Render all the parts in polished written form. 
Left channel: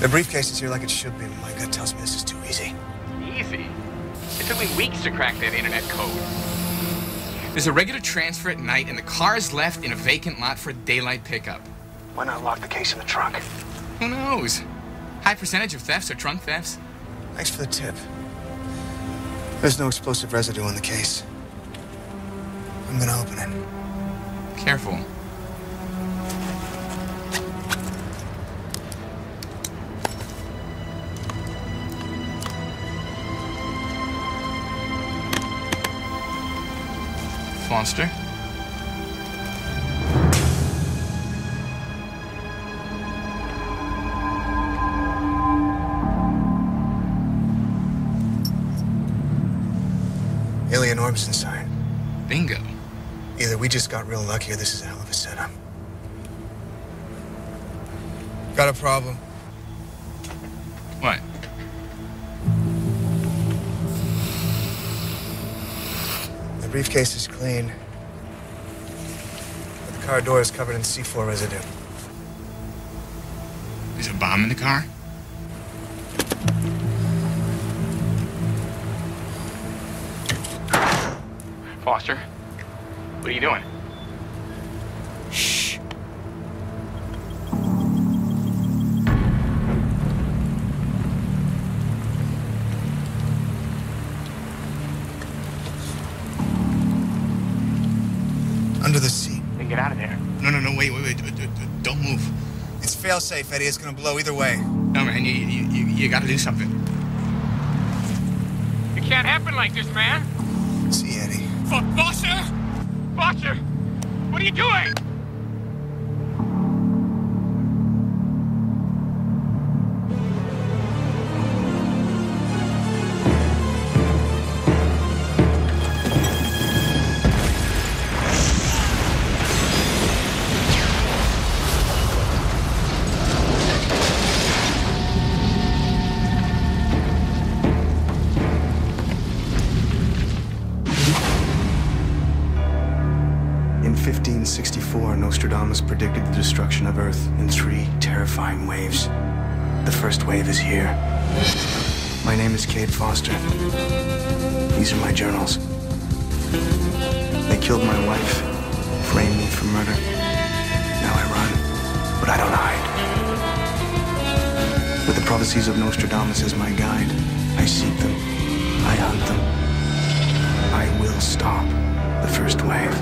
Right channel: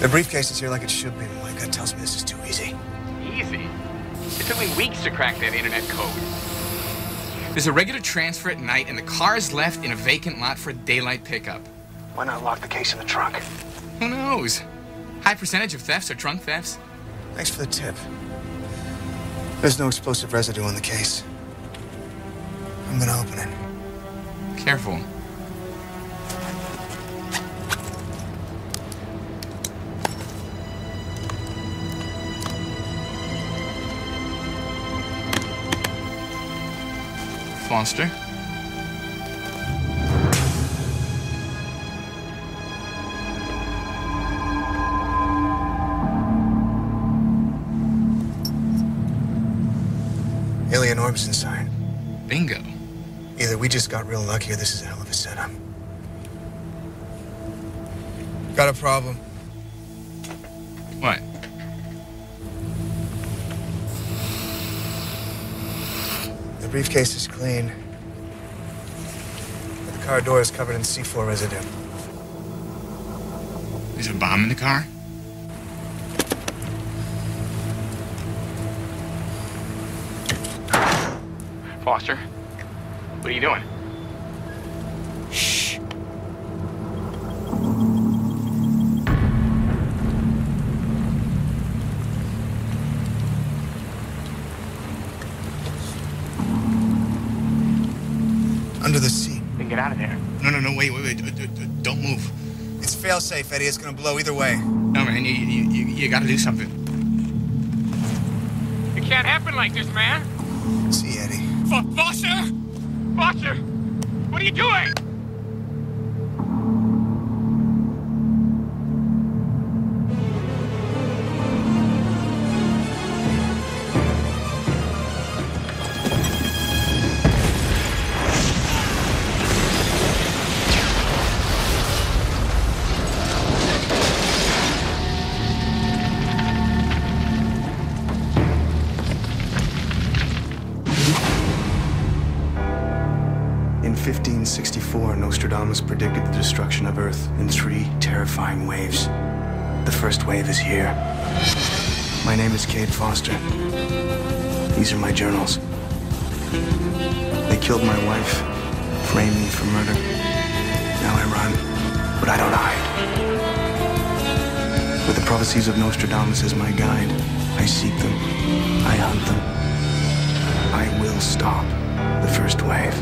The briefcase is here like it should be, but my gut tells me this is too easy. Easy? It took me weeks to crack that internet code. There's a regular transfer at night, and the car is left in a vacant lot for a daylight pickup. Why not lock the case in the trunk? Who knows? High percentage of thefts are trunk thefts. Thanks for the tip. There's no explosive residue on the case. I'm gonna open it. Careful. Foster? Alien orbs inside. Bingo. Either we just got real lucky or this is a hell of a setup. Got a problem. What? The briefcase is clean, but the car door is covered in C4 residue. There's a bomb in the car? Foster, what are you doing? Shh. Under the seat. Then get out of there. No, wait. Don't move. It's fail-safe, Eddie. It's gonna blow either way. No, man, you gotta do something. It can't happen like this, man. See, Eddie. Foster! Foster! What are you doing? In 1564, Nostradamus predicted the destruction of Earth in 3 terrifying waves. The first wave is here. My name is Cade Foster. These are my journals. They killed my wife, framed me for murder. Now I run, but I don't hide. With the prophecies of Nostradamus as my guide, I seek them, I hunt them. I will stop the first wave.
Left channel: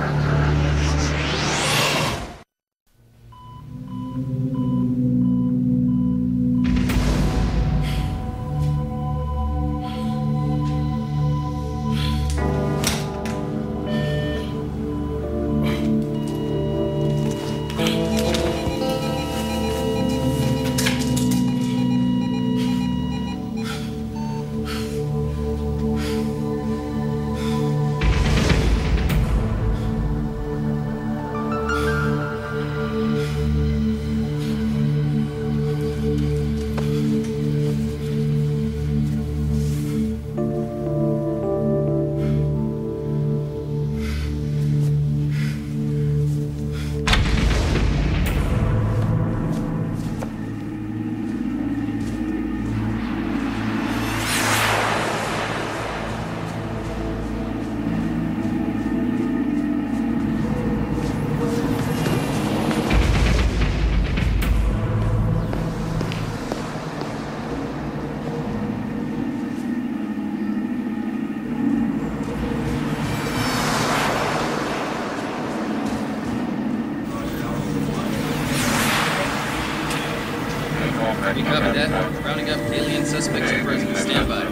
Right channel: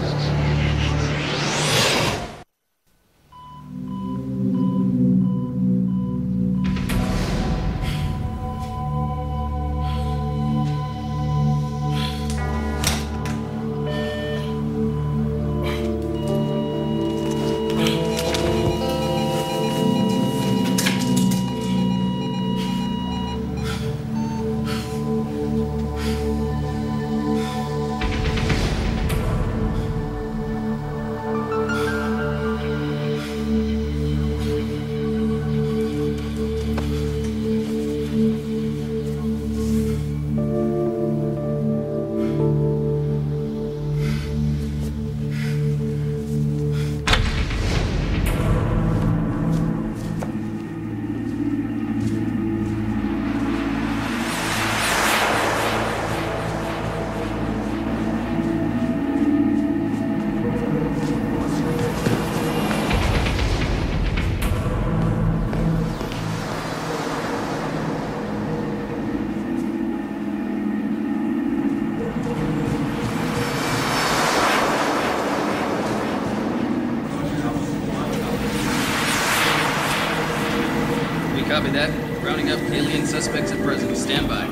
We copy that. Rounding up alien suspects at present. Stand by.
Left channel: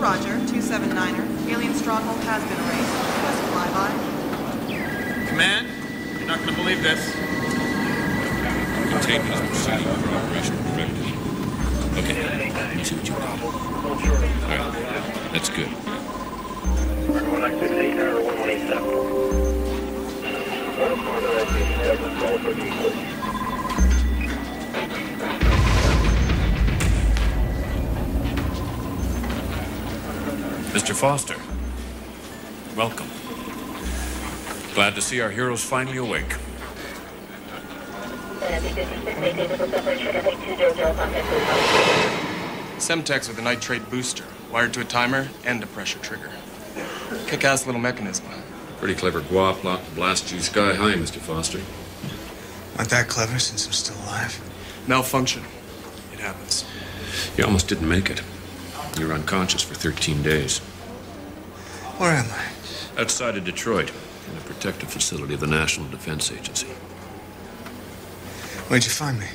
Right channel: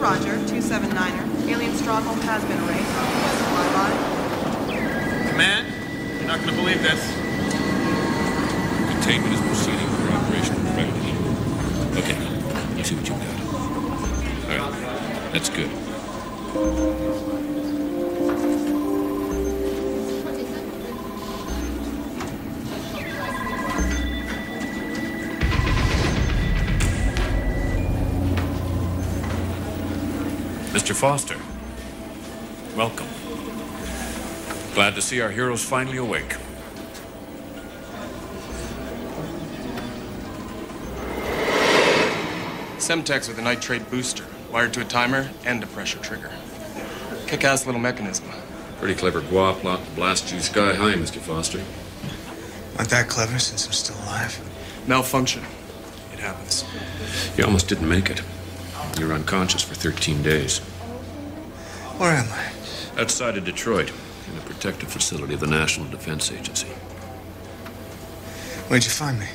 Roger, 279er. Alien stronghold has been erased. Request a flyby. Command, you're not going to believe this. Containment is proceeding under operational directive. Okay, let me see what you've got. All right, that's good. Mr. Foster, welcome. Glad to see our heroes finally awake. Semtex with a nitrate booster, wired to a timer and a pressure trigger. Kick-ass little mechanism. Pretty clever guap plot to blast you sky high, Mr. Foster. Not that clever since I'm still alive. Malfunction. It happens. You almost didn't make it. You were unconscious for 13 days. Where am I? Outside of Detroit, in a protective facility of the National Defense Agency. Where'd you find me?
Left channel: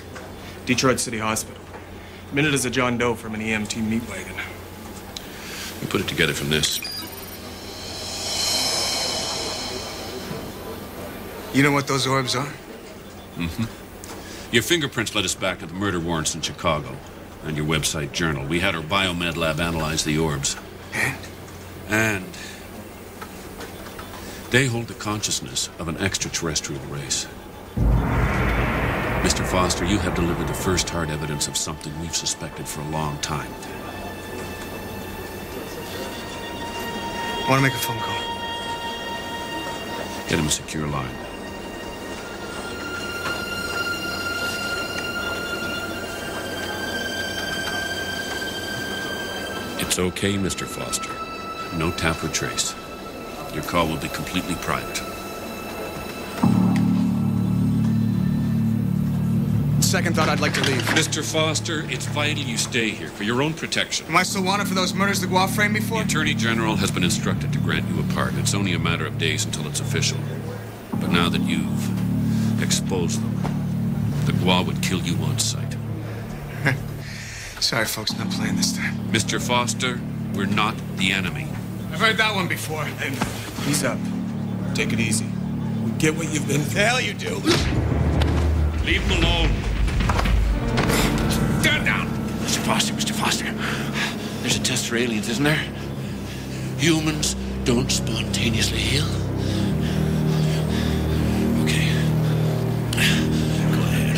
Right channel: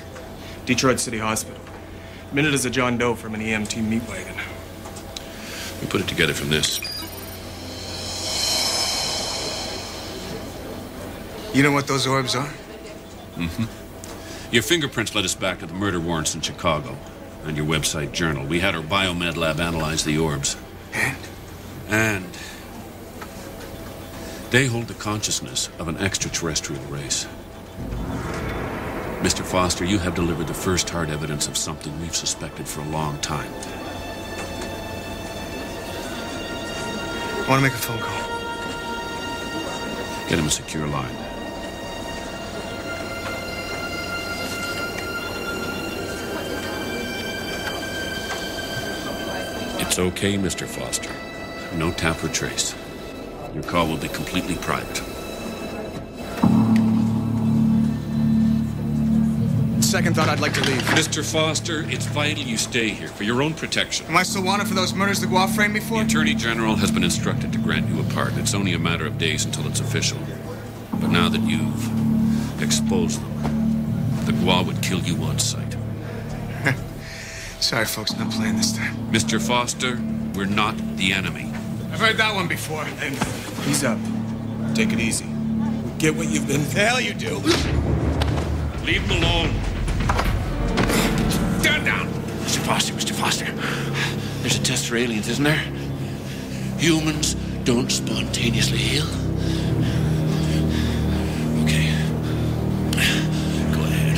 Detroit City Hospital. Minute as a John Doe from an EMT meat wagon. We put it together from this. You know what those orbs are? Mm-hmm. Your fingerprints led us back to the murder warrants in Chicago and your website journal. We had our biomed lab analyze the orbs. And they hold the consciousness of an extraterrestrial race. Mr. Foster, you have delivered the first hard evidence of something we've suspected for a long time. I want to make a phone call. Get him a secure line. It's okay, Mr. Foster. No tap or trace. Your call will be completely private. Second thought, I'd like to leave. Mr. Foster, it's vital you stay here for your own protection. Am I still wanted for those murders the Guelph framed me for? The Attorney General has been instructed to grant you a pardon. It's only a matter of days until it's official. But now that you've exposed them, the Gua would kill you on sight. Sorry, folks, not playing this time. Mr. Foster, we're not the enemy. I've heard that one before. Hey, ease up. Take it easy. We get what you've been through. The hell you do? Leave him alone. Stand down! Mr. Foster. There's a test for aliens, isn't there? Humans don't spontaneously heal. Okay. Go ahead.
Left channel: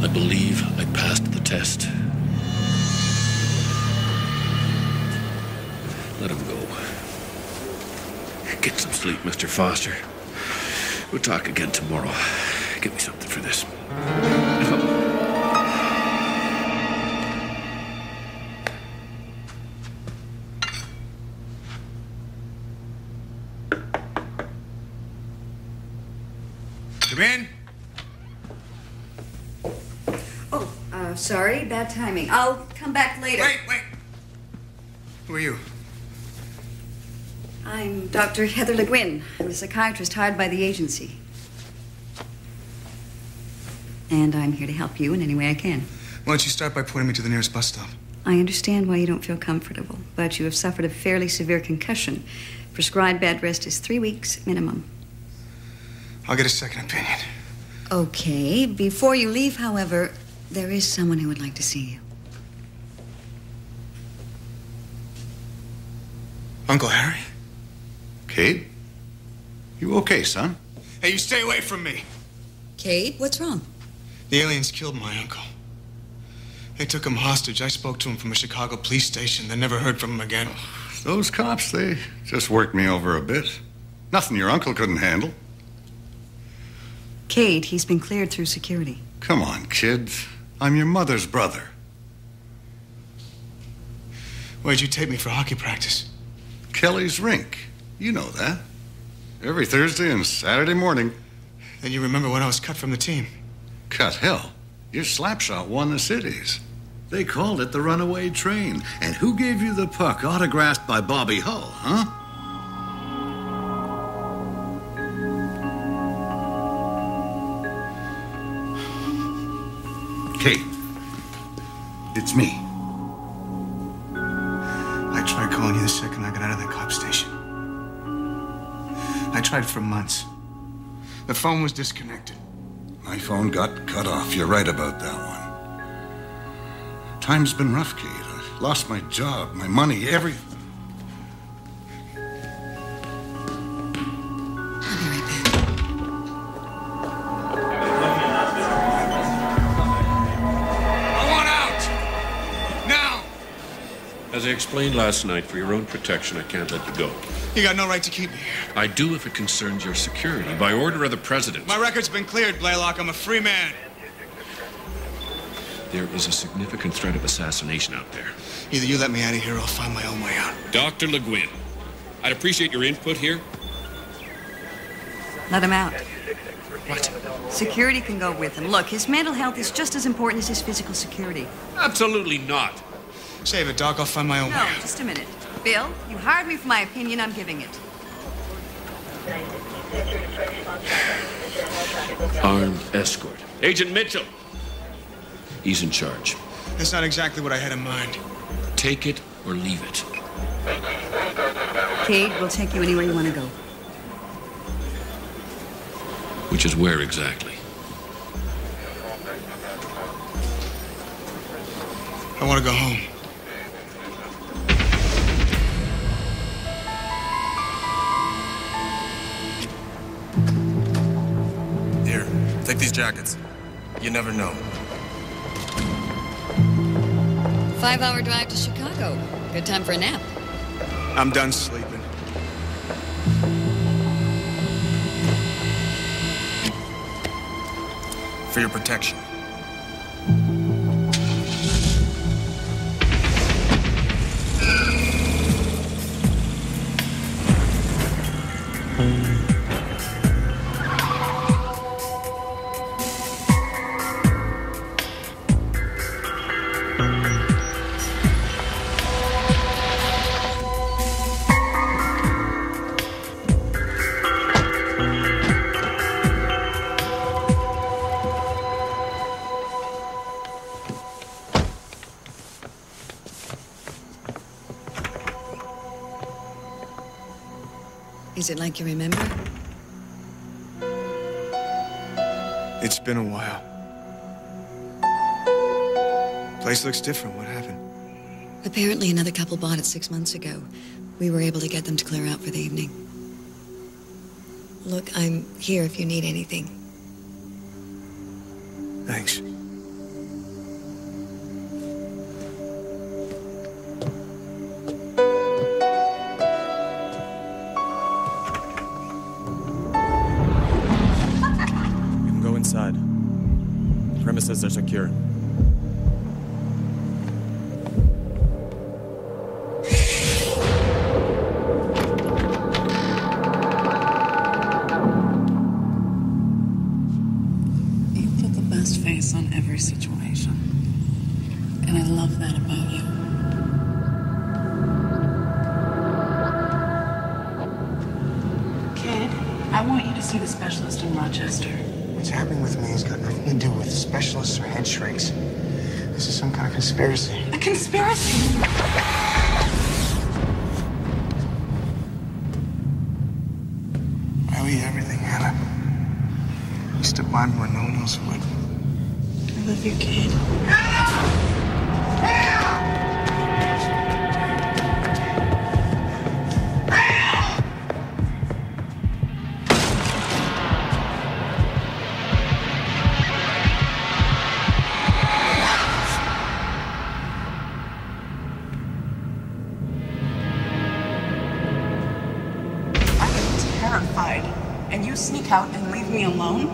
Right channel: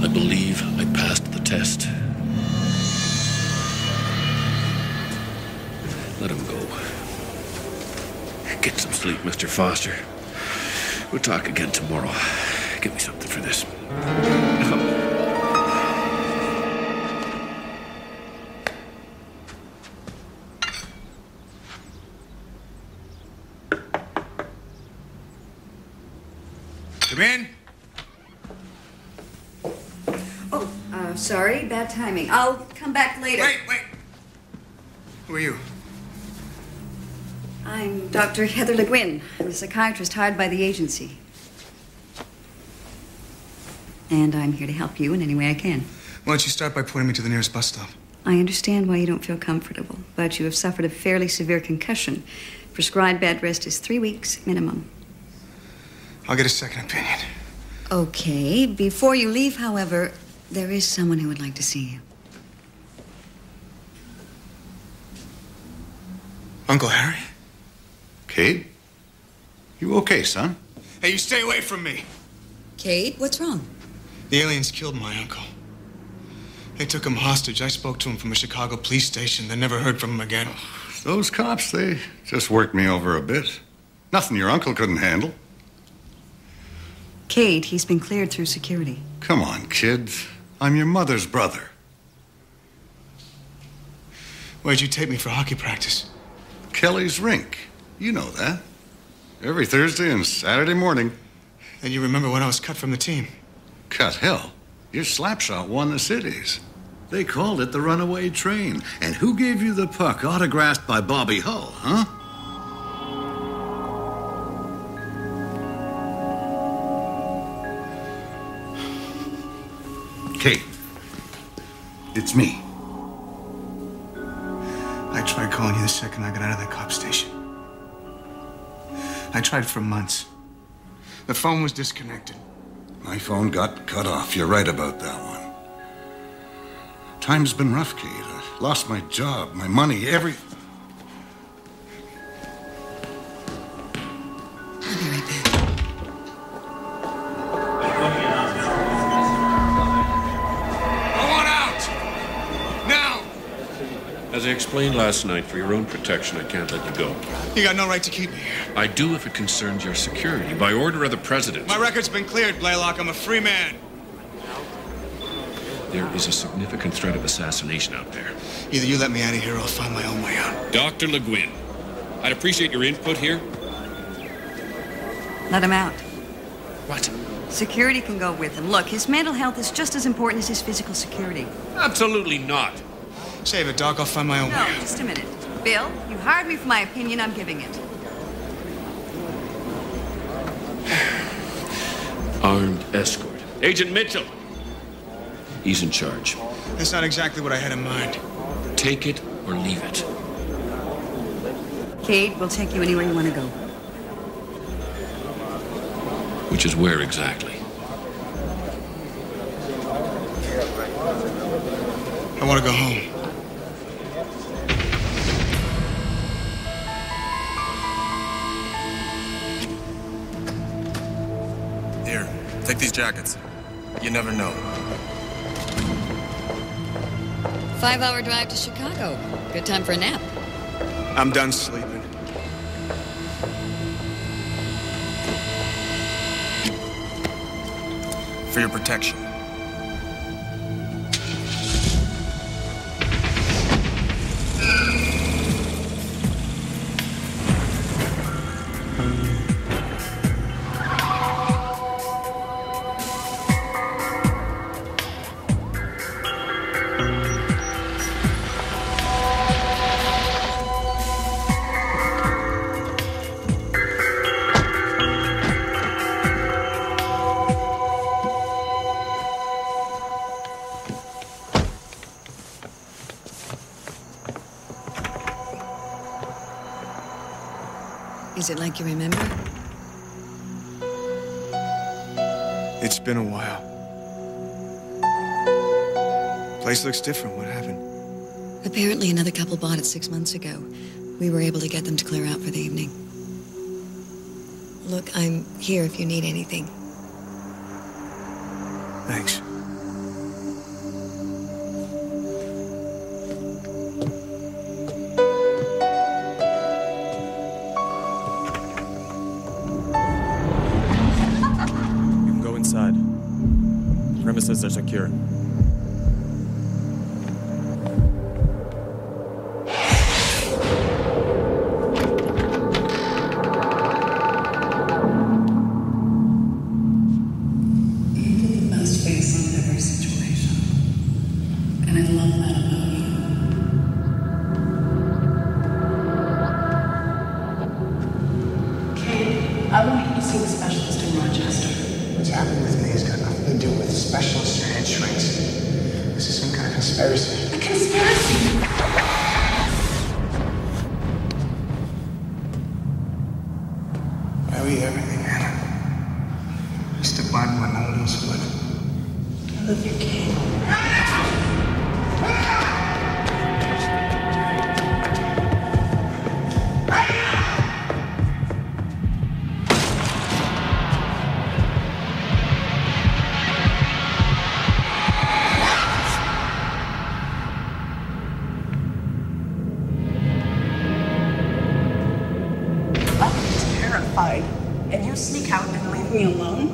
I believe I passed the test. Let him go. Get some sleep, Mr. Foster. We'll talk again tomorrow. Get me something for this. Come in. Oh, sorry, bad timing. I'll come back later. Wait. Who are you? I'm Dr. Heather Le Guin. I'm a psychiatrist hired by the agency. And I'm here to help you in any way I can. Why don't you start by pointing me to the nearest bus stop? I understand why you don't feel comfortable, but you have suffered a fairly severe concussion. Prescribed bed rest is 3 weeks minimum. I'll get a second opinion. Okay. Before you leave, however, there is someone who would like to see you. Uncle Harry? Cade? You okay, son? Hey, you stay away from me. Cade, what's wrong? The aliens killed my uncle. They took him hostage. I spoke to him from a Chicago police station, then never heard from him again. Those cops, they just worked me over a bit. Nothing your uncle couldn't handle. Cade, he's been cleared through security. Come on, kid. I'm your mother's brother. Where'd you take me for hockey practice? Kelly's rink. You know that. Every Thursday and Saturday morning. And you remember when I was cut from the team? Cut hell. Your slapshot won the cities. They called it the runaway train. And who gave you the puck autographed by Bobby Hull, huh? Kate, it's me. I tried calling you the second I got out of that cop station. I tried for months. The phone was disconnected. My phone got cut off. You're right about that one. Time's been rough, Kate. I lost my job, my money, everything. I'll be right back. I want out! Now! Has I explained last night, for your own protection, I can't let you go. You got no right to keep me here. I do if it concerns your security, by order of the President. My record's been cleared, Blaylock. I'm a free man. There is a significant threat of assassination out there. Either you let me out of here or I'll find my own way out. Dr. Le Guin, I'd appreciate your input here. Let him out. What? Security can go with him. Look, his mental health is just as important as his physical security. Absolutely not. Save it, Doc. I'll find my own way No, out. just a minute. Bill, you hired me for my opinion. I'm giving it. Armed escort. Agent Mitchell. He's in charge. That's not exactly what I had in mind. Take it or leave it. Cade, we'll take you anywhere you want to go. Which is where exactly? I want to go home. Here, take these jackets. You never know. 5-hour drive to Chicago. Good time for a nap. I'm done sleeping. For your protection. Is it like you remember? It's been a while. Place looks different. What happened? Apparently another couple bought it 6 months ago. We were able to get them to clear out for the evening. Look, I'm here if you need anything. Thanks. Inside. The premises are secure. You put the best face on every situation. And I love that about you. Kate, I want you to see the specialist in Rochester. What's happening with me has got nothing to do with specialists or head shrinks. This is some kind of conspiracy. A conspiracy? I owe you everything, Hannah. You stood by me when no one else would. I love you, Kate. And you sneak out and leave me alone?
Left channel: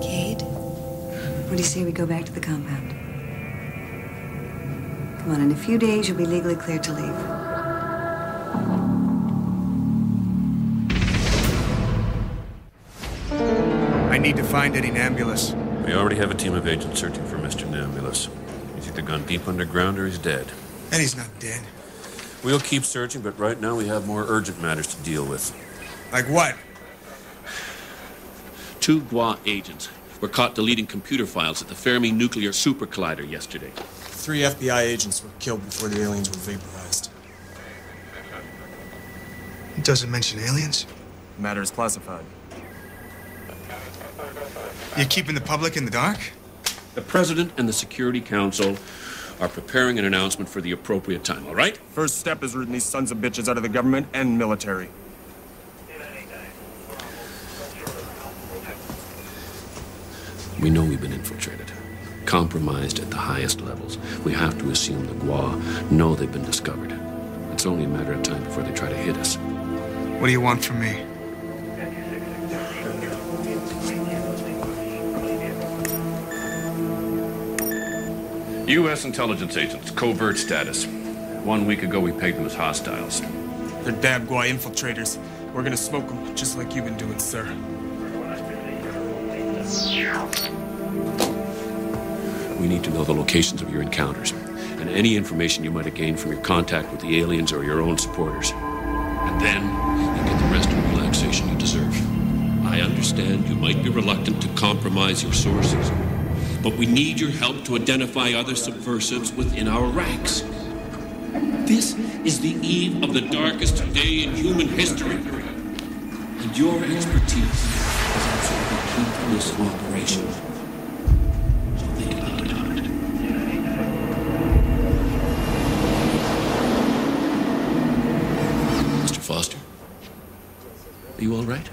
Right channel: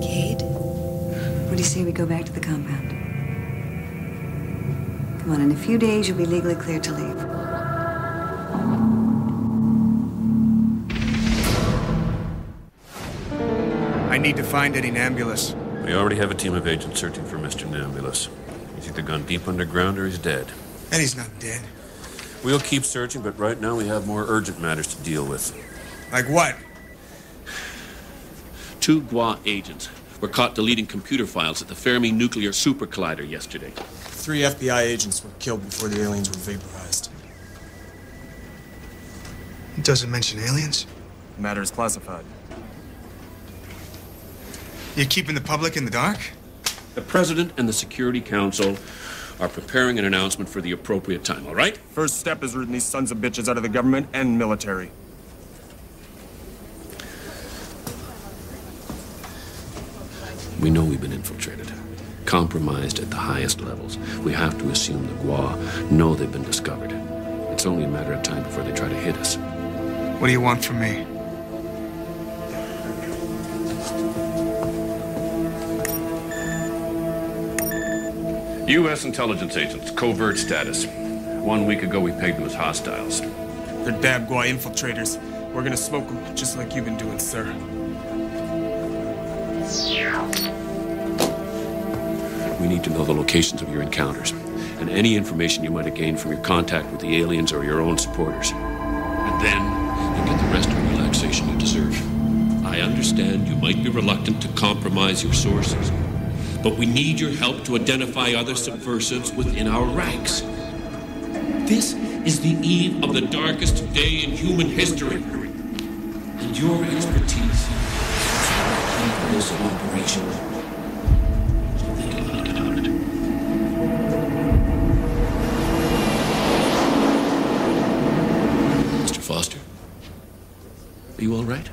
Cade, what do you say we go back to the compound? Come on, in a few days, you'll be legally cleared to leave. I need to find Eddie Nambulus. We already have a team of agents searching for Mr. Nambulus. He's either gone deep underground or he's dead. Eddie's not dead. We'll keep searching, but right now we have more urgent matters to deal with. Like what? 2 GWA agents were caught deleting computer files at the Fermi Nuclear Super Collider yesterday. 3 FBI agents were killed before the aliens were vaporized. It doesn't mention aliens. The matter is classified. You're keeping the public in the dark? The President and the Security Council are preparing an announcement for the appropriate time, all right? First step is rooting these sons of bitches out of the government and military. We know we've been infiltrated, compromised at the highest levels. We have to assume the Gua know they've been discovered. It's only a matter of time before they try to hit us. What do you want from me? U.S. intelligence agents, covert status. 1 week ago, we pegged them as hostiles. They're damn Gua infiltrators. We're gonna smoke them, just like you've been doing, sir. We need to know the locations of your encounters and any information you might have gained from your contact with the aliens or your own supporters. And then you'll get the rest of the relaxation you deserve. I understand you might be reluctant to compromise your sources, but we need your help to identify other subversives within our ranks. This is the eve of the darkest day in human history, and your expertise is also the key to this operation. So think about it. Mr. Foster, are you all right?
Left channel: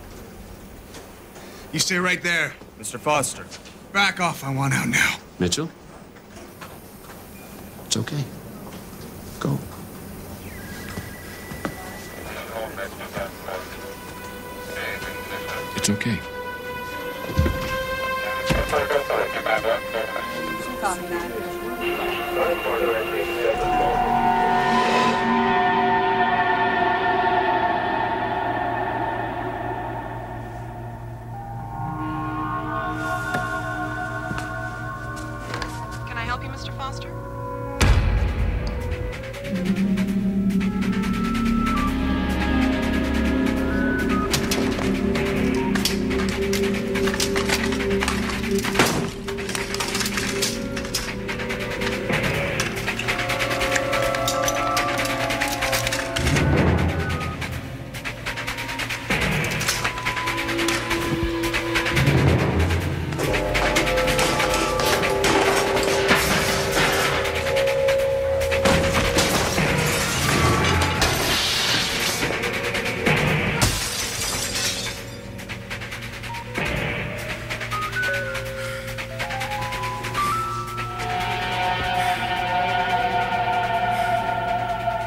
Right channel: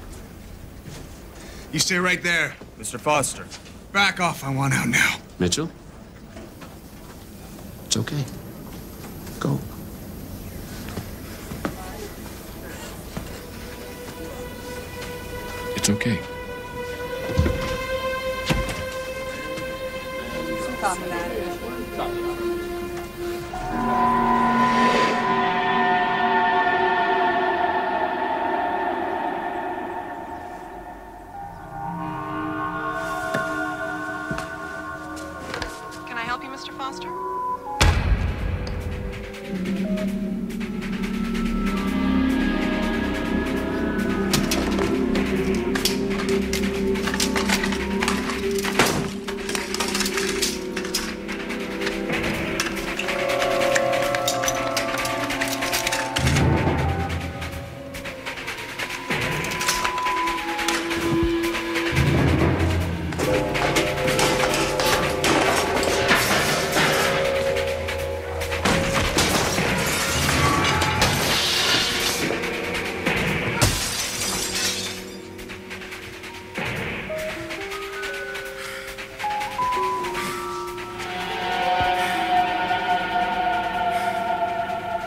You stay right there. Mr. Foster. Back off, I want out now. Mitchell? It's okay. Go. It's okay. Copy that. Can I help you, Mr. Foster?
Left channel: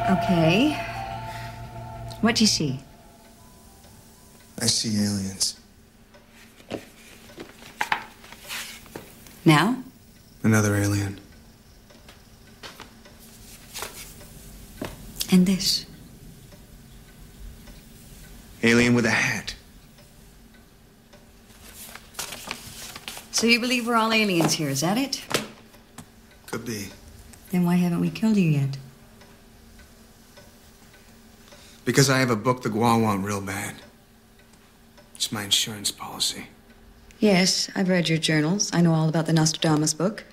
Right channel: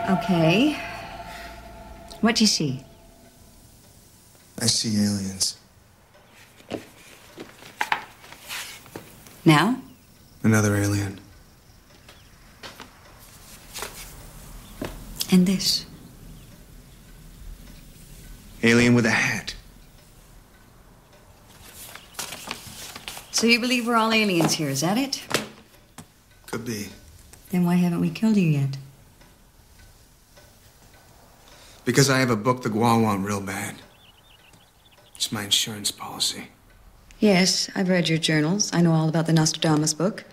Okay. What do you see? I see aliens. Now? Another alien. And this? Alien with a hat. So you believe we're all aliens here, is that it? Could be. Then why haven't we killed you yet? Because I have a book the Gua want real bad. It's my insurance policy. Yes, I've read your journals. I know all about the Nostradamus book.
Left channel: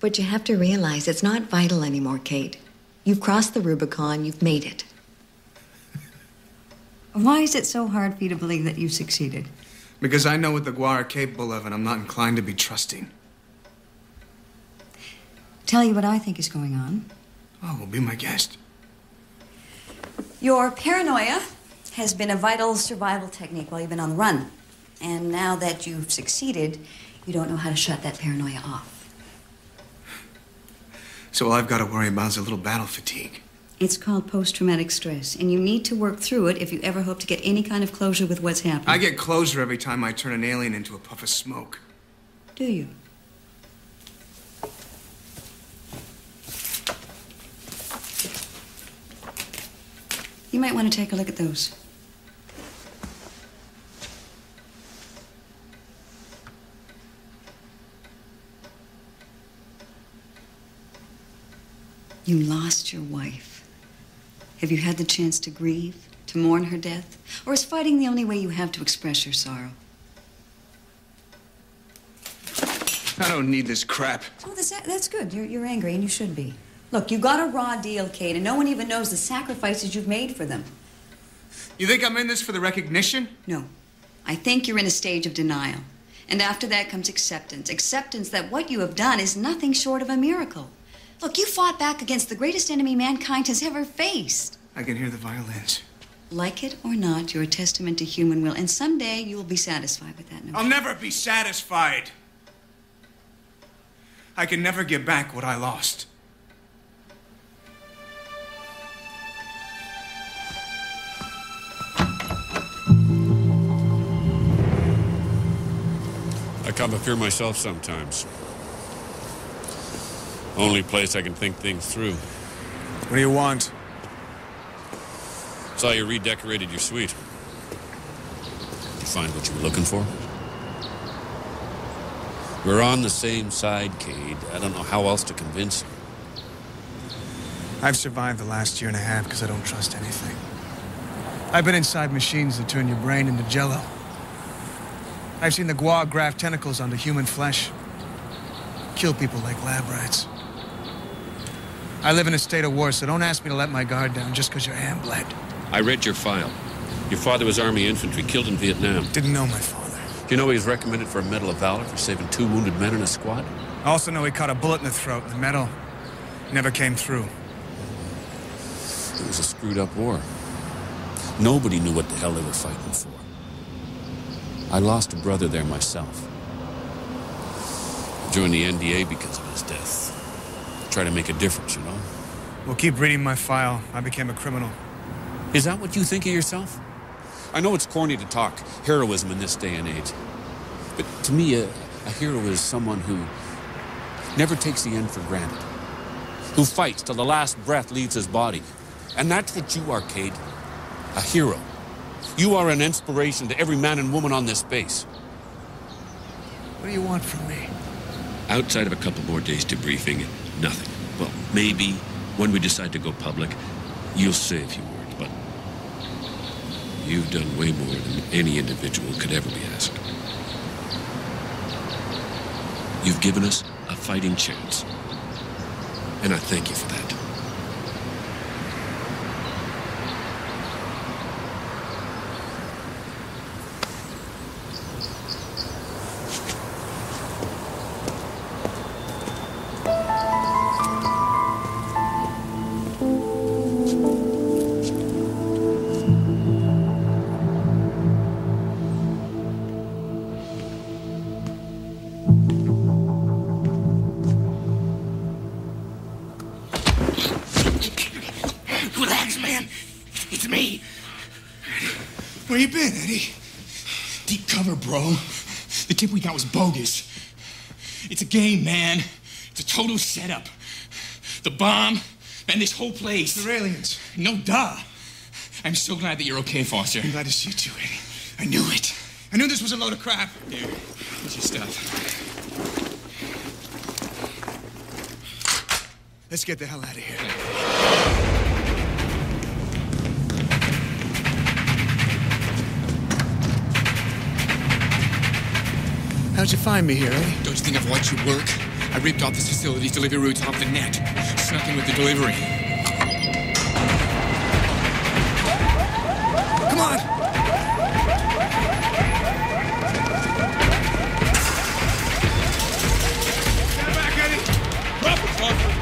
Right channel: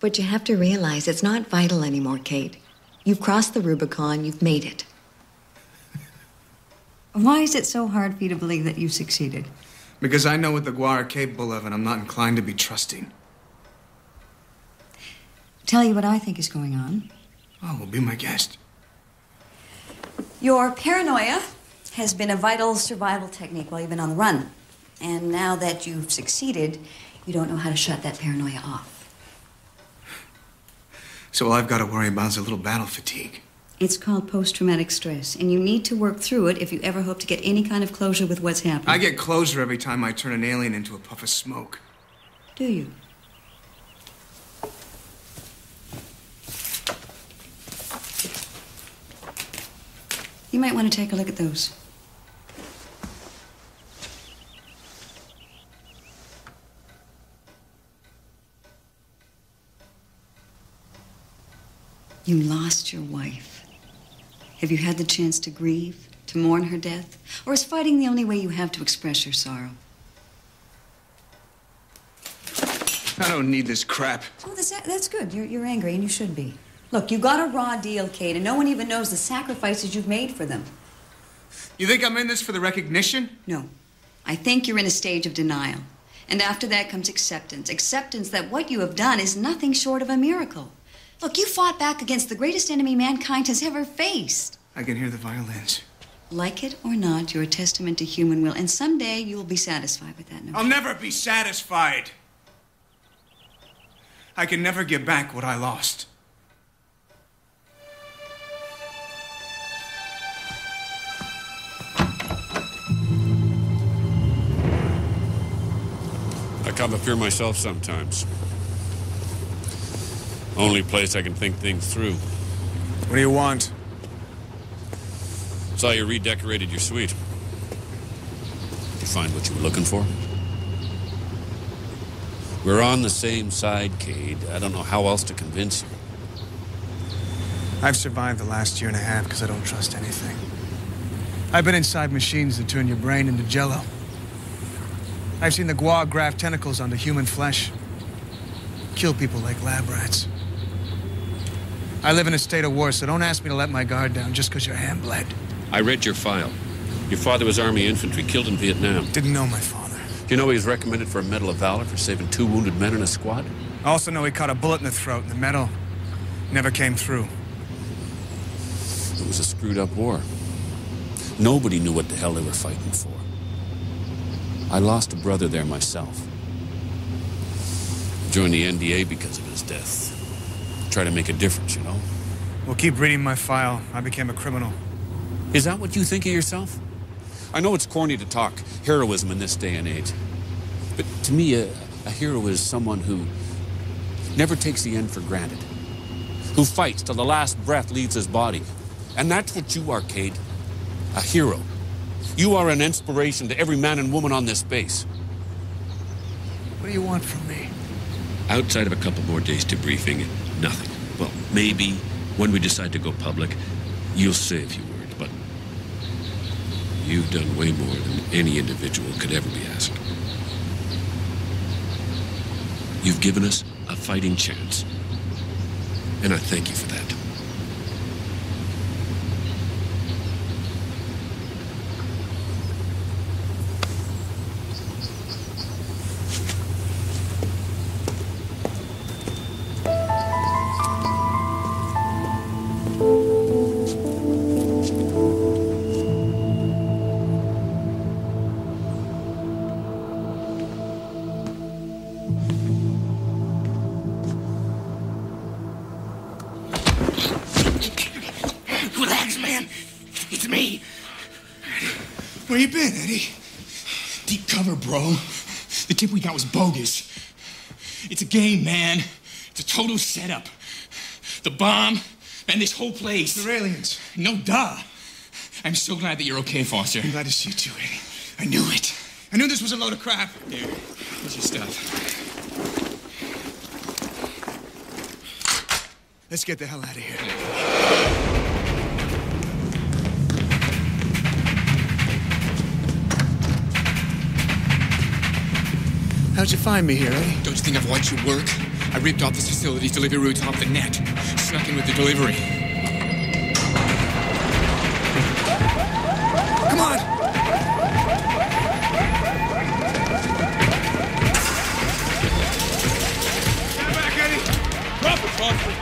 But you have to realize it's not vital anymore, Kate. You've crossed the Rubicon. You've made it. Why is it so hard for you to believe that you've succeeded? Because I know what the Gua are capable of, and I'm not inclined to be trusting. Tell you what I think is going on. Oh, well, be my guest. Your paranoia has been a vital survival technique while you've been on the run. And now that you've succeeded, you don't know how to shut that paranoia off. So all I've got to worry about is a little battle fatigue. It's called post-traumatic stress, and you need to work through it if you ever hope to get any kind of closure with what's happened. I get closure every time I turn an alien into a puff of smoke. Do you? You might want to take a look at those. You lost your wife. Have you had the chance to grieve, to mourn her death? Or is fighting the only way you have to express your sorrow? I don't need this crap. Oh, that's good. You're angry, and you should be. Look, you got a raw deal, Kate, and no one even knows the sacrifices you've made for them. You think I'm in this for the recognition? No. I think you're in a stage of denial. And after that comes acceptance. Acceptance that what you have done is nothing short of a miracle. Look, you fought back against the greatest enemy mankind has ever faced. I can hear the violins. Like it or not, you're a testament to human will. And someday you will be satisfied with that notion. I'll never be satisfied. I can never get back what I lost. I come up here myself sometimes. Only place I can think things through. What do you want? Saw you redecorated your suite. Did you find what you were looking for? We're on the same side, Cade. I don't know how else to convince you. I've survived the last year and a half because I don't trust anything. I've been inside machines that turn your brain into jello. I've seen the guar graft tentacles onto human flesh. Kill people like lab rats. I live in a state of war, so don't ask me to let my guard down just because your hand bled. I read your file. Your father was Army infantry, killed in Vietnam. Didn't know my father. Do you know he was recommended for a Medal of Valor for saving 2 wounded men in a squad? I also know he caught a bullet in the throat, and the medal never came through. It was a screwed up war. Nobody knew what the hell they were fighting for. I lost a brother there myself. I joined the NDA because of his death. Try to make a difference, you know? Well, keep reading my file. I became a criminal. Is that what you think of yourself? I know it's corny to talk heroism in this day and age. But to me, a hero is someone who never takes the end for granted. Who fights till the last breath leaves his body. And that's what you are, Cade. A hero. You are an inspiration to every man and woman on this base. What do you want from me? Outside of a couple more days debriefing, nothing. Well, maybe when we decide to go public, you'll say a few words, but you've done way more than any individual could ever be asked. You've given us a fighting chance, and I thank you for that. Relax, man. It's me. Where you been, Eddie? Deep cover, bro. The tip we got was bogus. It's a game, man. It's a total setup. The bomb and this whole place. They're aliens. No duh. I'm so glad that you're okay, Foster. I'm glad to see you too, Eddie. I knew it. I knew this was a load of crap. Dude, here's your stuff. Let's get the hell out of here. How'd you find me here, Eddie? Don't you think I've watched you work? I ripped off this facility's delivery routes off the net. Snuck in with the delivery. Come on! Stand back, Eddie! Drop it, Foster.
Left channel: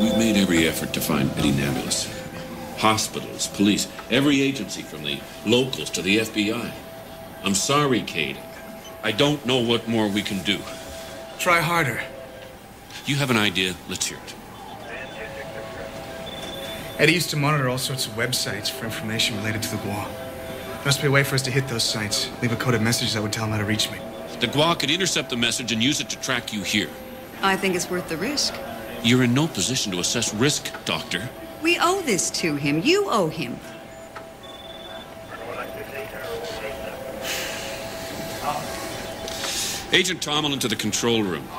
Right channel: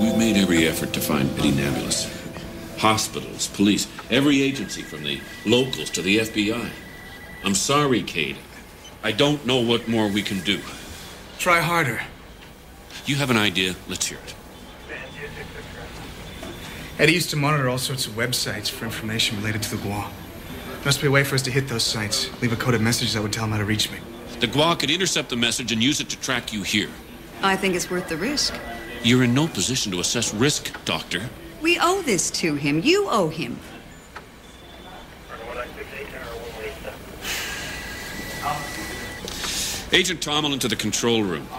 We've made every effort to find Eddie Nebulous. Hospitals, police, every agency from the locals to the FBI. I'm sorry, Cade. I don't know what more we can do. Try harder. You have an idea? Let's hear it. Eddie used to monitor all sorts of websites for information related to the guar. Must be a way for us to hit those sites. Leave a coded message that would tell him how to reach me. The guar could intercept the message and use it to track you here. I think it's worth the risk. You're in no position to assess risk, Doctor. We owe this to him. You owe him. Agent Tomlin to the control room.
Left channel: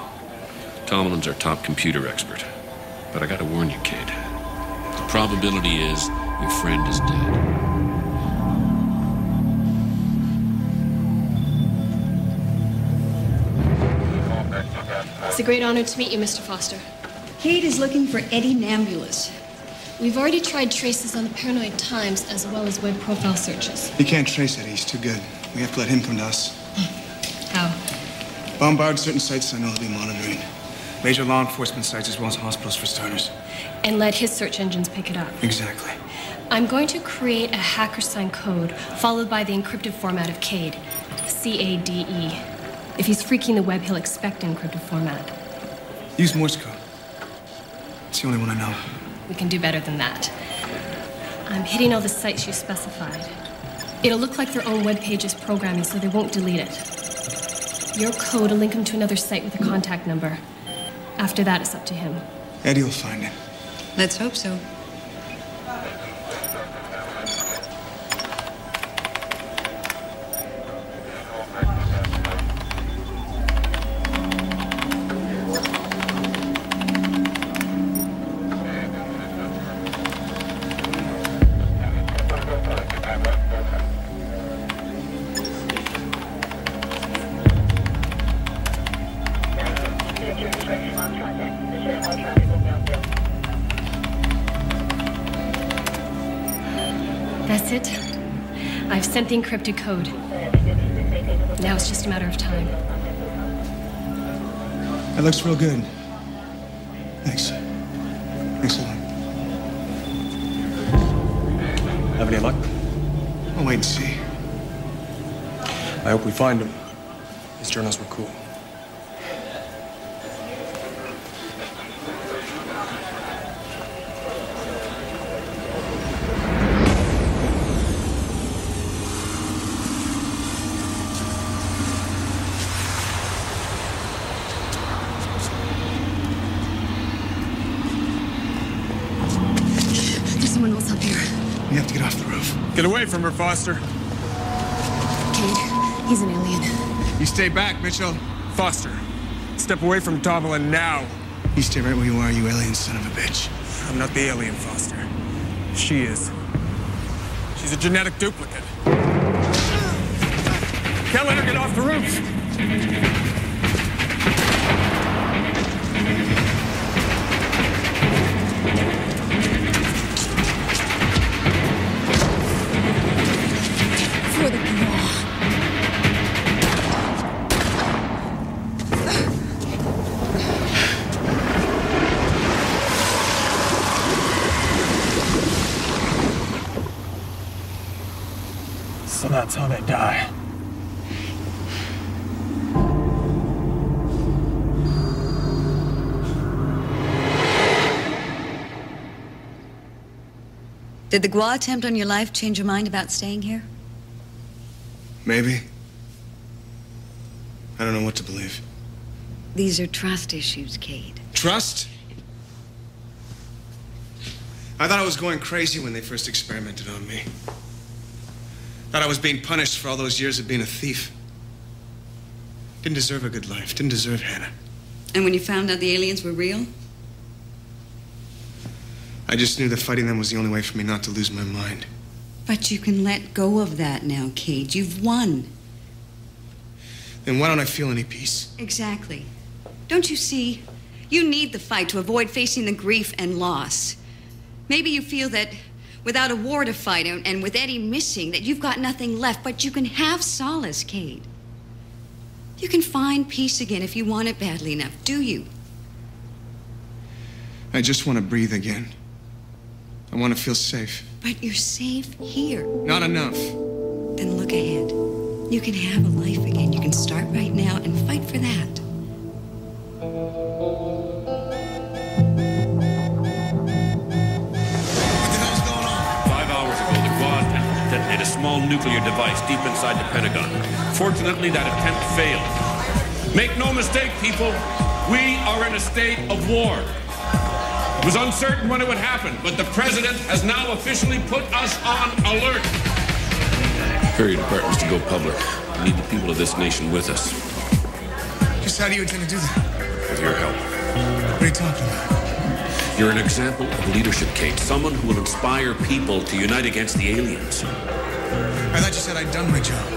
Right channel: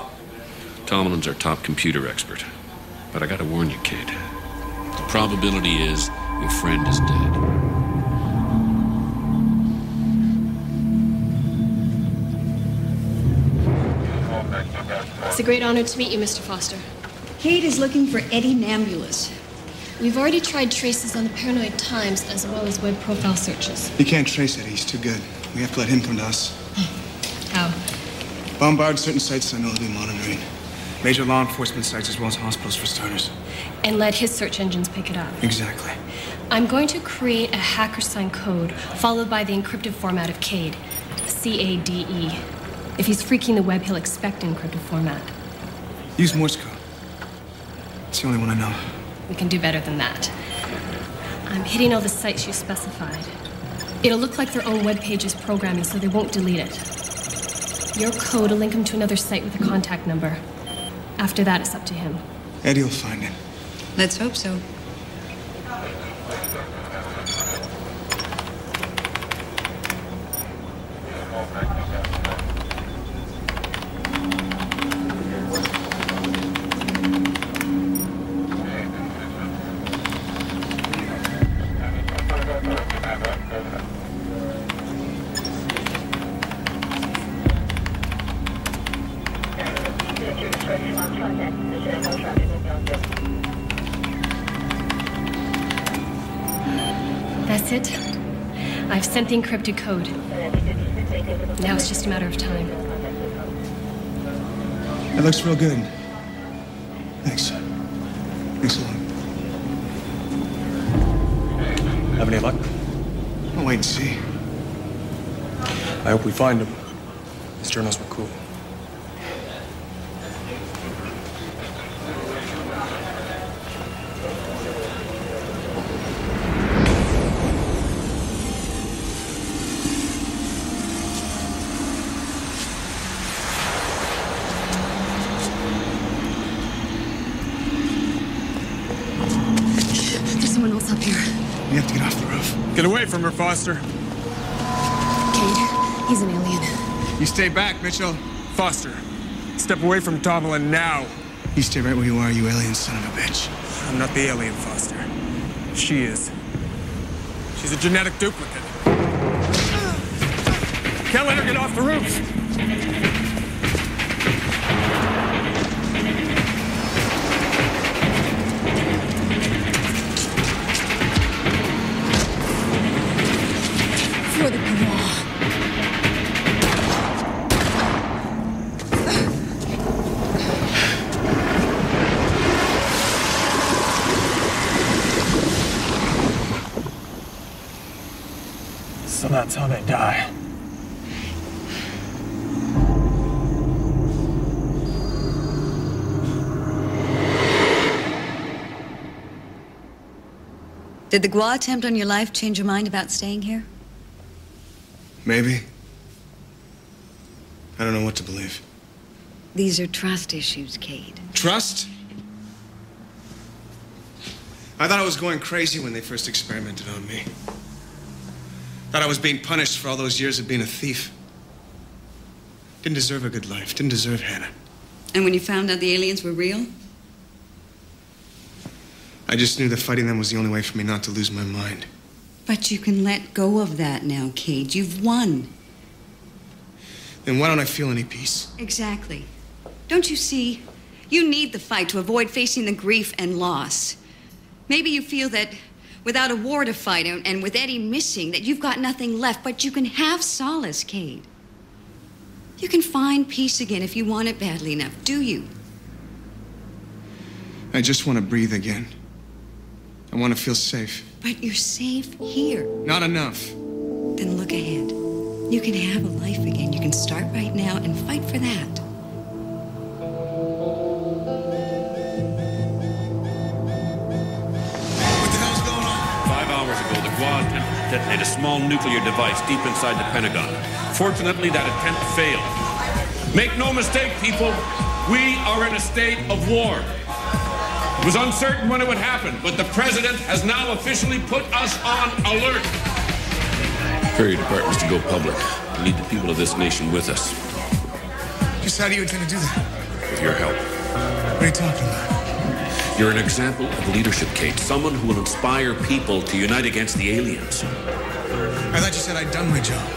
Tomlin's our top computer expert. But I gotta warn you, Cade. The probability is your friend is dead. It's a great honor to meet you, Mr. Foster. Cade is looking for Eddie Nambulus. We've already tried traces on the Paranoid Times as well as web profile searches. You can't trace Eddie. He's too good. We have to let him come to us. How? Bombard certain sites I know he'll be monitoring. Major law enforcement sites as well as hospitals for starters. And let his search engines pick it up. Exactly. I'm going to create a hacker sign code followed by the encrypted format of CADE. C-A-D-E. If he's freaking the web, he'll expect encrypted format. Use Morse code. It's the only one I know. We can do better than that. I'm hitting all the sites you specified. It'll look like their own web page's programming, so they won't delete it. Your code will link him to another site with a contact number. After that, it's up to him. Eddie will find him. Let's hope so. That's it. I've sent the encrypted code. Now it's just a matter of time. That looks real good. Thanks. Thanks a lot. Have any luck? I'll wait and see. I hope we find him. His journals were cool. There's someone else up here. We have to get off the roof. Get away from her, Foster. Cade, he's an alien. You stay back, Mitchell. Foster, step away from Tomlin now. You stay right where you are, you alien son of a bitch. I'm not the alien, Foster. She is. She's a genetic duplicate. Can't let her get off the roof. For the Graw. So that's how they die. Did the Gua attempt on your life change your mind about staying here? Maybe. I don't know what to believe. These are trust issues, Cade. Trust? I thought I was going crazy when they first experimented on me. Thought I was being punished for all those years of being a thief. Didn't deserve a good life. Didn't deserve Hannah. And when you found out the aliens were real? I just knew that fighting them was the only way for me not to lose my mind. But you can let go of that now, Cade. You've won. Then why don't I feel any peace? Exactly. Don't you see? You need the fight to avoid facing the grief and loss. Maybe you feel that without a war to fight and with Eddie missing, that you've got nothing left, but you can have solace, Cade. You can find peace again if you want it badly enough, do you? I just want to breathe again. I want to feel safe. But you're safe here. Not enough. Then look ahead. You can have a life again. You can start right now and fight for that. What the hell's going on? 5 hours ago, the Gua attempted to detonate a small nuclear device deep inside the Pentagon. Fortunately, that attempt failed. Make no mistake, people, we are in a state of war. It was uncertain when it would happen, but the president has now officially put us on alert. Prepare your departments to go public. We need the people of this nation with us. Just how do you intend to do that? With your help. What are you talking about? You're an example of leadership, Kate. Someone who will inspire people to unite against the aliens. I thought you said I'd done my job.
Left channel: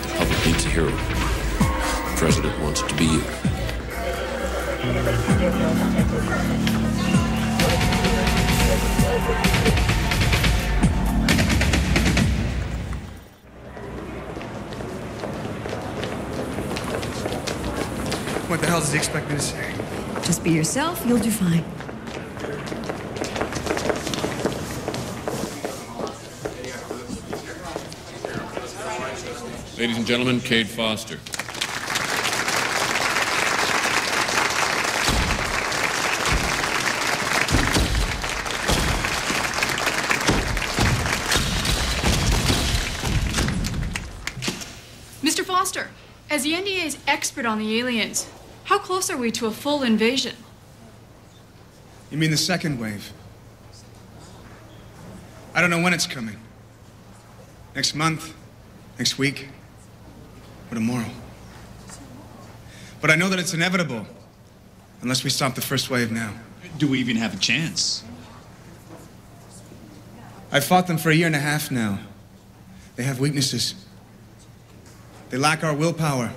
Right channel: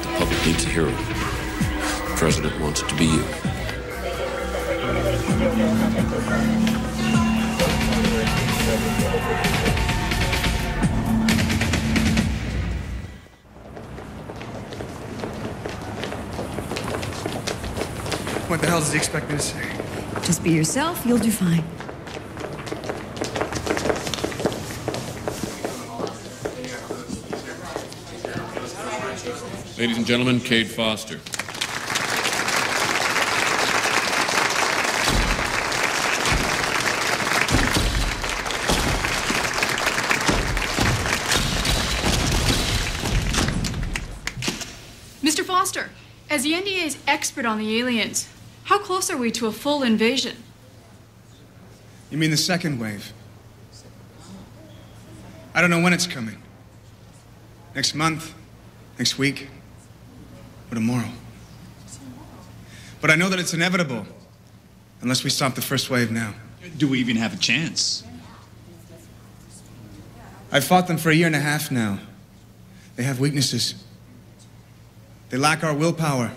The public needs a hero. The president wants it to be you. What the hell does he expect me to say? Just be yourself, you'll do fine. Ladies and gentlemen, Cade Foster. Mr. Foster, as the NDA's expert on the aliens, how close are we to a full invasion? You mean the second wave? I don't know when it's coming. Next month? Next week? Or tomorrow? But I know that it's inevitable, unless we stop the first wave now. Do we even have a chance? I've fought them for 1.5 years now. They have weaknesses. They lack our willpower.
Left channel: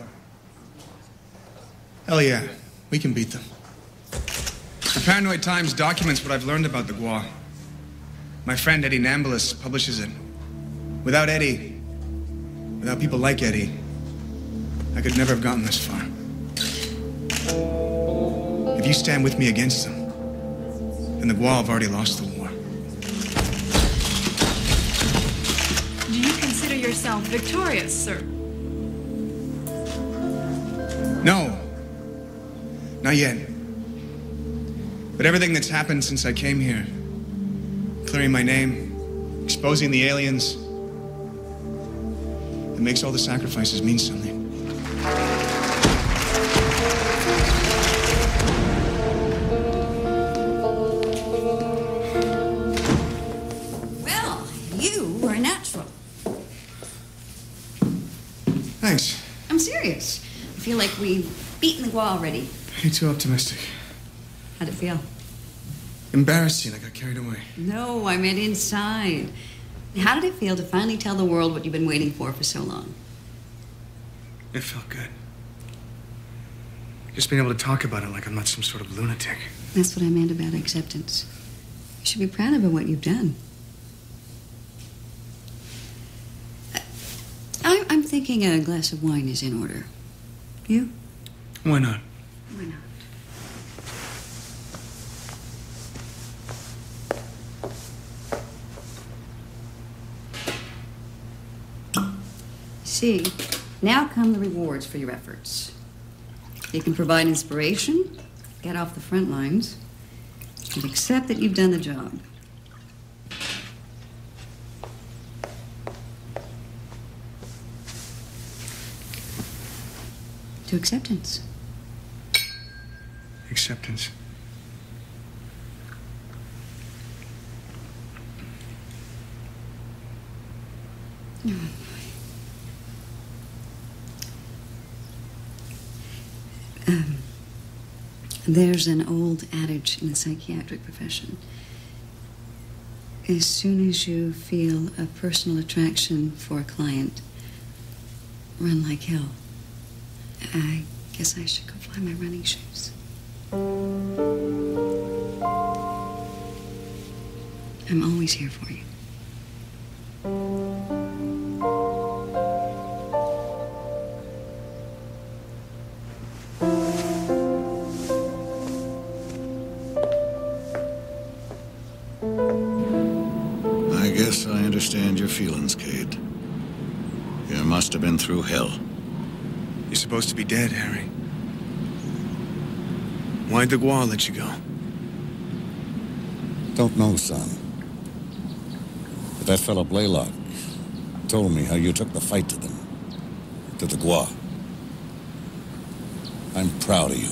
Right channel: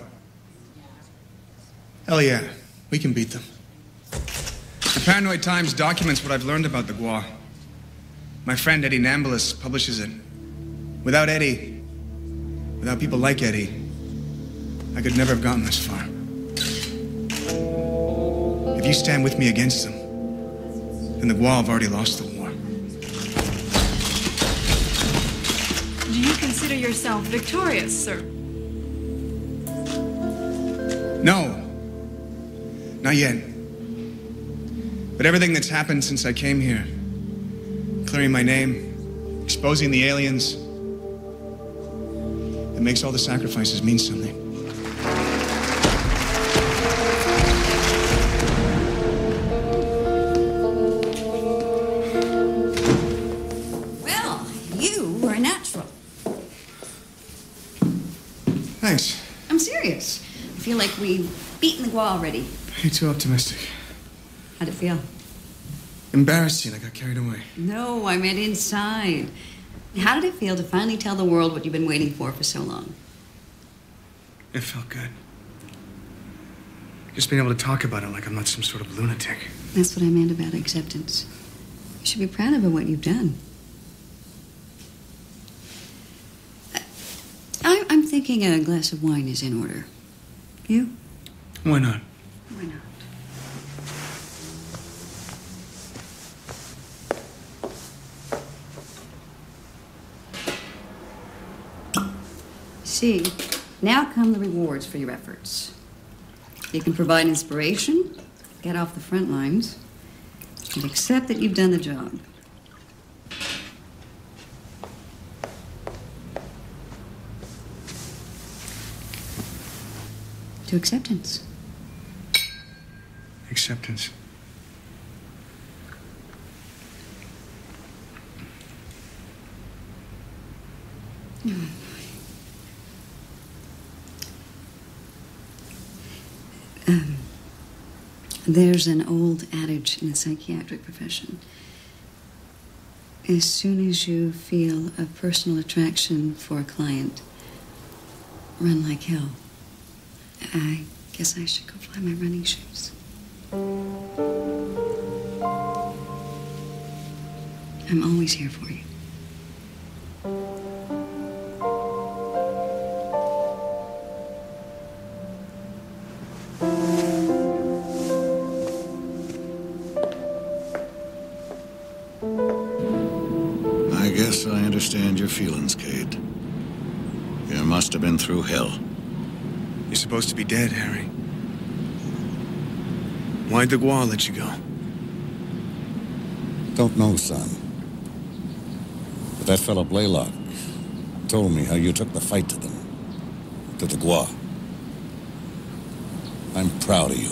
Hell yeah, we can beat them. The Paranoid Times documents what I've learned about the Gua. My friend Eddie Nambulis publishes it. Without Eddie, without people like Eddie, I could never have gotten this far. If you stand with me against them, then the Gua have already lost the war. Do you consider yourself victorious, sir? No. Not yet. But everything that's happened since I came here, clearing my name, exposing the aliens, it makes all the sacrifices mean something. Well, you were a natural. Thanks. I'm serious. I feel like we've beaten the Gua already. You're too optimistic. How'd it feel? Embarrassing, I got carried away. No, I meant inside. How did it feel to finally tell the world what you've been waiting for so long? It felt good. Just being able to talk about it like I'm not some sort of lunatic. That's what I meant about acceptance. You should be proud of what you've done. I'm thinking a glass of wine is in order. You? Why not? Why not? See, now come the rewards for your efforts. You can provide inspiration, get off the front lines, and accept that you've done the job. To acceptance. Acceptance. Oh, there's an old adage in the psychiatric profession. As soon as you feel a personal attraction for a client, run like hell. I guess I should go find my running shoes. I'm always here for you. I guess I understand your feelings, Cade. You must have been through hell. You're supposed to be dead, Harry. Why'd the Gua let you go? Don't know, son. But that fellow Blaylock told me how you took the fight to them. To the Gua. I'm proud of you.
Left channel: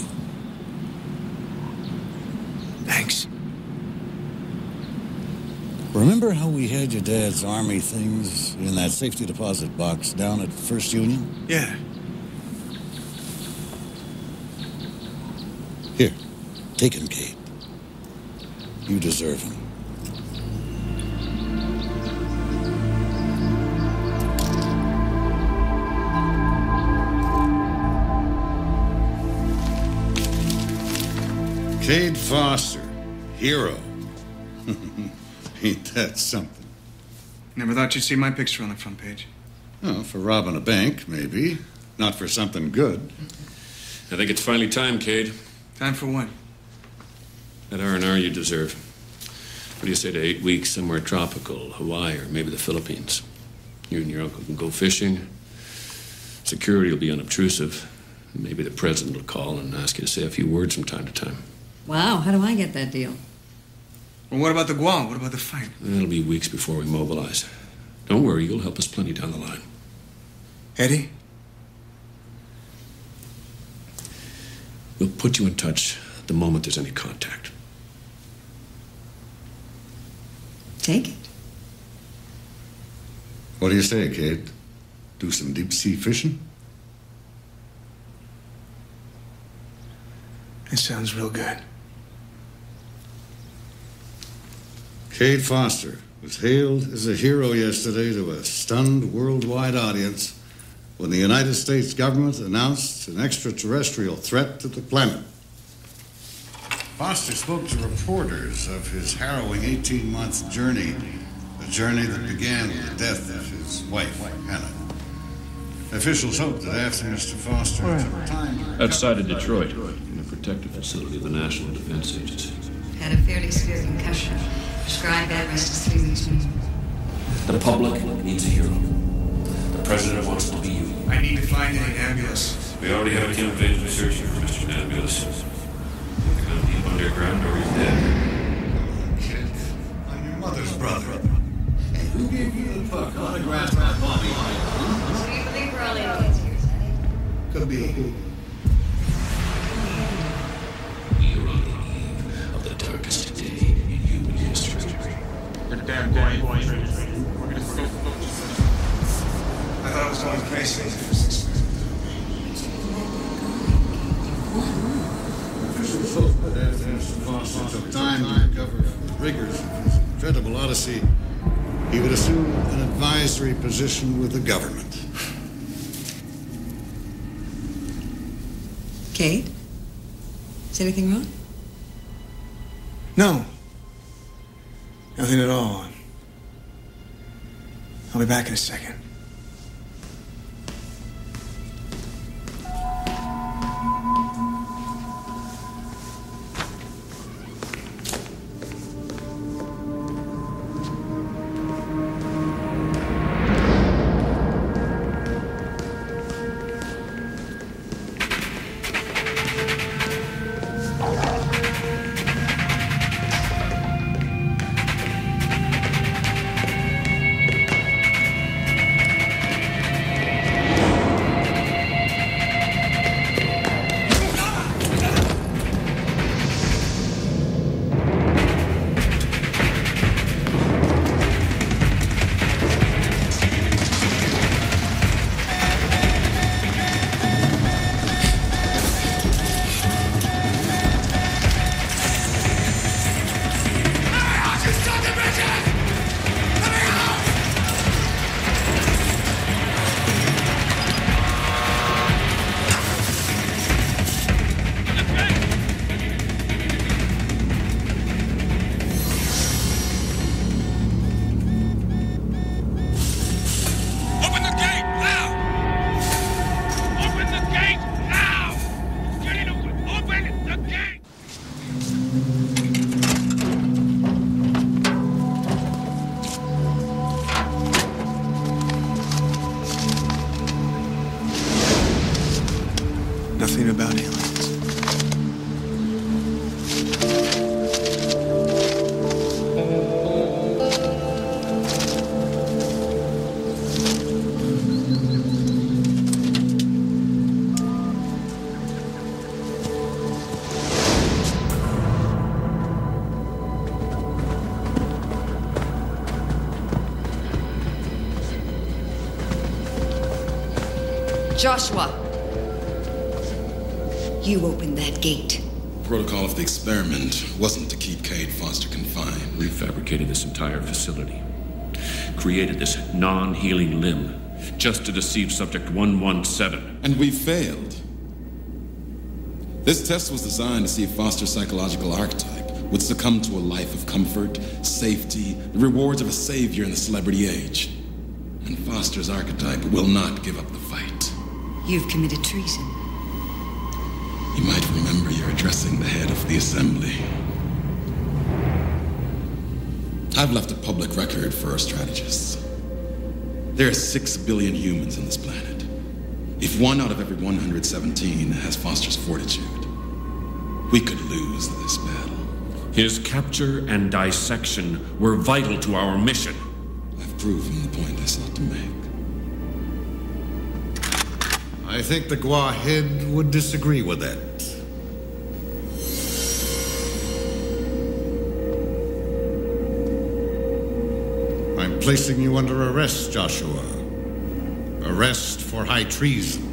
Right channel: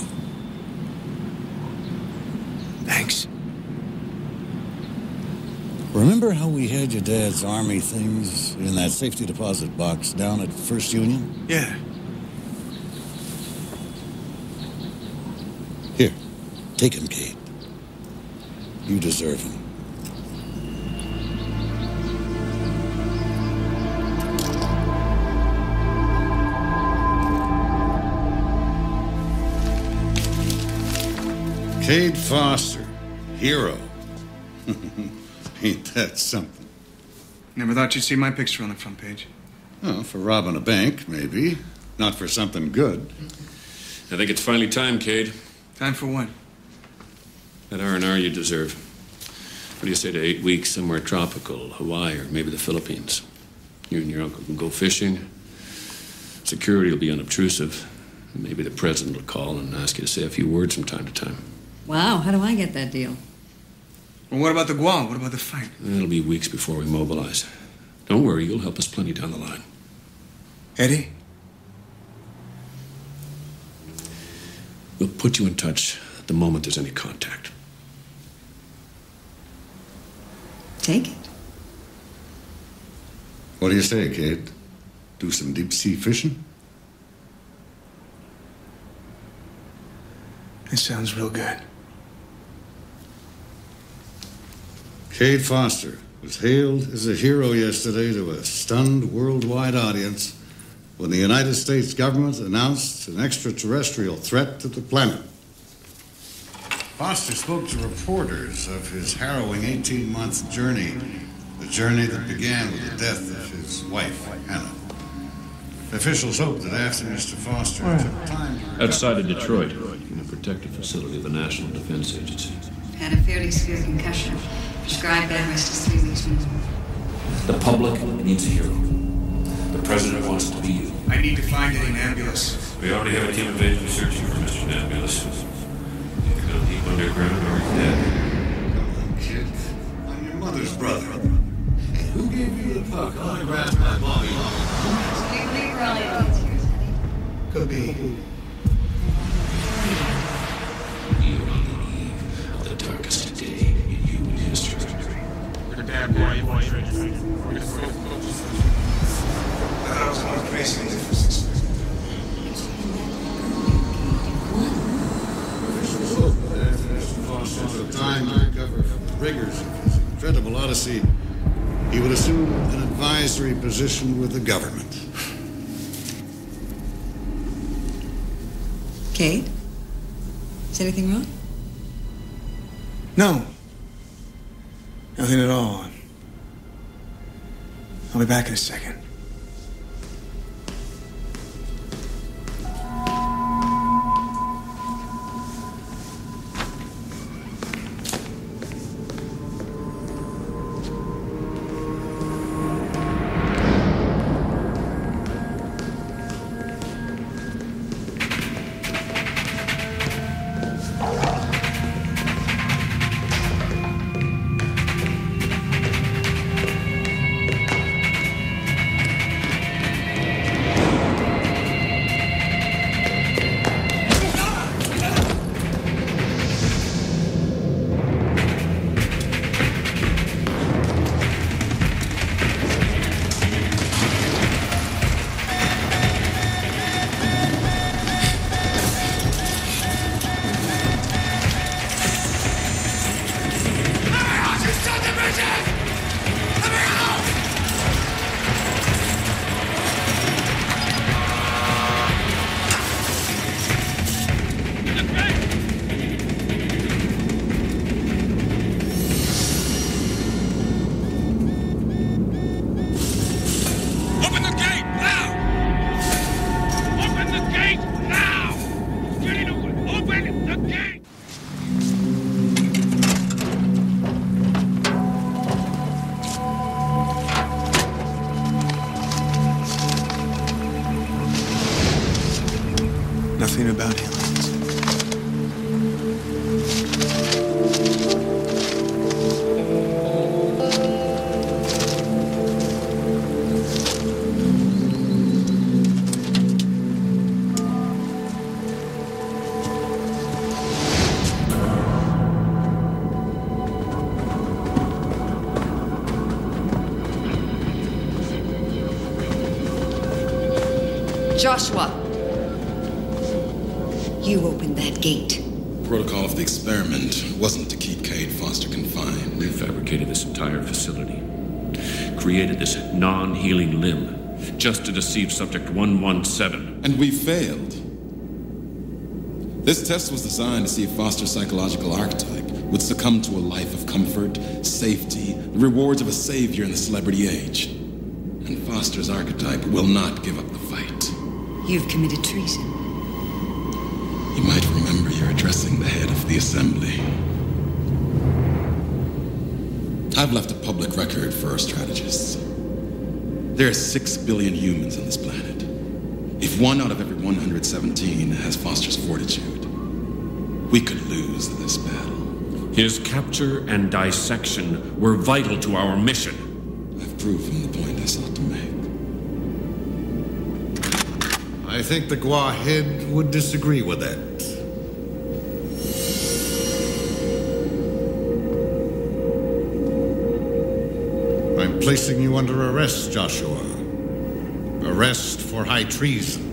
Thanks. Remember how we had your dad's army things in that safety deposit box down at First Union? Yeah. Take him, Kate. You deserve him. Cade Foster, hero. Ain't that something? Never thought you'd see my picture on the front page. Oh, for robbing a bank, maybe. Not for something good. I think it's finally time, Cade. Time for what? That R&R you deserve. What do you say to 8 weeks somewhere tropical, Hawaii, or maybe the Philippines? You and your uncle can go fishing. Security will be unobtrusive. Maybe the president will call and ask you to say a few words from time to time. Wow, how do I get that deal? Well, what about the Guam? What about the fight? It'll be weeks before we mobilize. Don't worry, you'll help us plenty down the line. Eddie? We'll put you in touch the moment there's any contact. Take it. What do you say, Cade? Do some deep-sea fishing? It sounds real good. Cade Foster was hailed as a hero yesterday to a stunned worldwide audience when the United States government announced an extraterrestrial threat to the planet. Foster spoke to reporters of his harrowing 18-month journey, a journey that began with the death of his wife, Hannah. Officials hope that after Mr. Foster took time to recover... Outside of Detroit, in a protected facility of the National Defense Agency. Had a fairly severe concussion. Prescribed bed rest is 3 weeks minimum. The public needs a hero. The president wants to be you. I need to find an ambulance. We already have a team of agents searching for Mr. Nebulous. Either gone deep underground or he's dead. Come on, kid. I'm your mother's brother. And who gave you the puck autographed by Bobby? Huh? So you believe we're all aliens here, is that it? Could be. We are on the eve of the darkest day in human history. I thought I was going crazy with the first experiment. Officials hope that after Mr. Foster took time to recover from the rigors of his incredible odyssey, he would assume an advisory position with the government. Kate? Is anything wrong? No. Nothing at all. I'll be back in a second. Nothing about aliens. Joshua! You opened that gate. protocol of the experiment wasn't to keep Cade Foster confined. We fabricated this entire facility. Created this non-healing limb just to deceive Subject 117. And we failed. This test was designed to see if Foster's psychological archetype would succumb to a life of comfort, safety, the rewards of a savior in the celebrity age. And Foster's archetype will not give up the fight. You've committed treason. You might remember you're addressing the head of the assembly. I've left a public record for our strategists. There are 6 billion humans on this planet. If 1 out of every 117 has Foster's fortitude, we could lose this battle. His capture and dissection were vital to our mission. I've proven the point I sought to make. I think the Gua head would disagree with that. I'm placing you under arrest, Joshua. Arrest for high treason.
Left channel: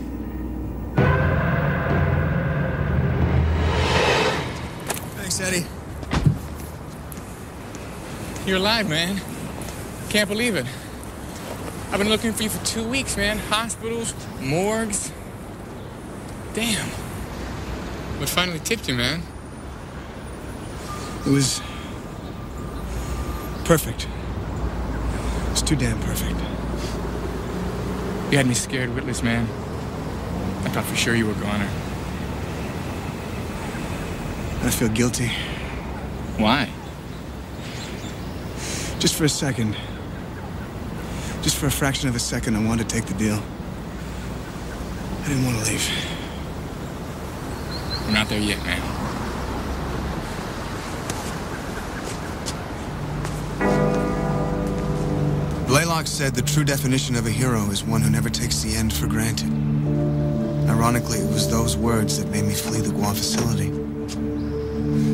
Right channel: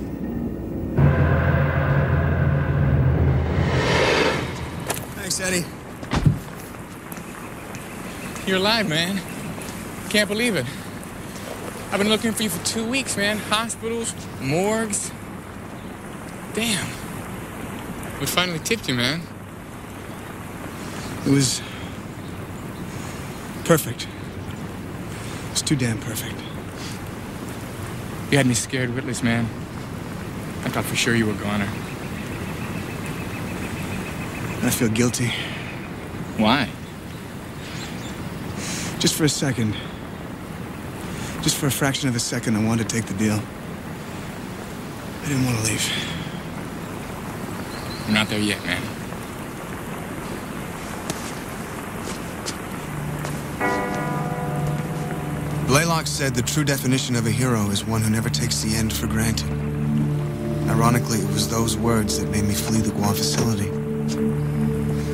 Thanks, Eddie. You're alive, man. Can't believe it. I've been looking for you for 2 weeks, man. Hospitals, morgues. Damn. What finally tipped you, man? It was perfect. It's too damn perfect. You had me scared witless, man. I thought for sure you were a goner. I feel guilty. Why? Just for a second. Just for a fraction of a second, I wanted to take the deal. I didn't want to leave. We're not there yet, man. Blaylock said the true definition of a hero is one who never takes the end for granted. Ironically, it was those words that made me flee the Gua facility.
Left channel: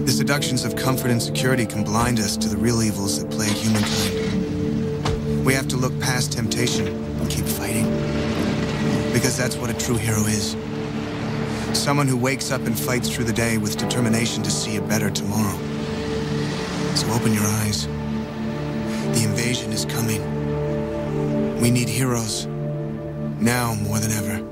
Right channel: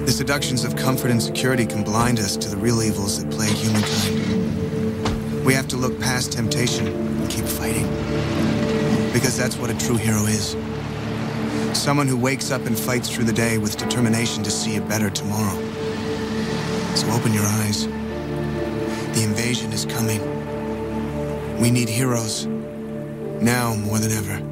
The seductions of comfort and security can blind us to the real evils that plague humankind. We have to look past temptation and keep fighting. Because that's what a true hero is. Someone who wakes up and fights through the day with determination to see a better tomorrow. So open your eyes. The invasion is coming. We need heroes, now more than ever.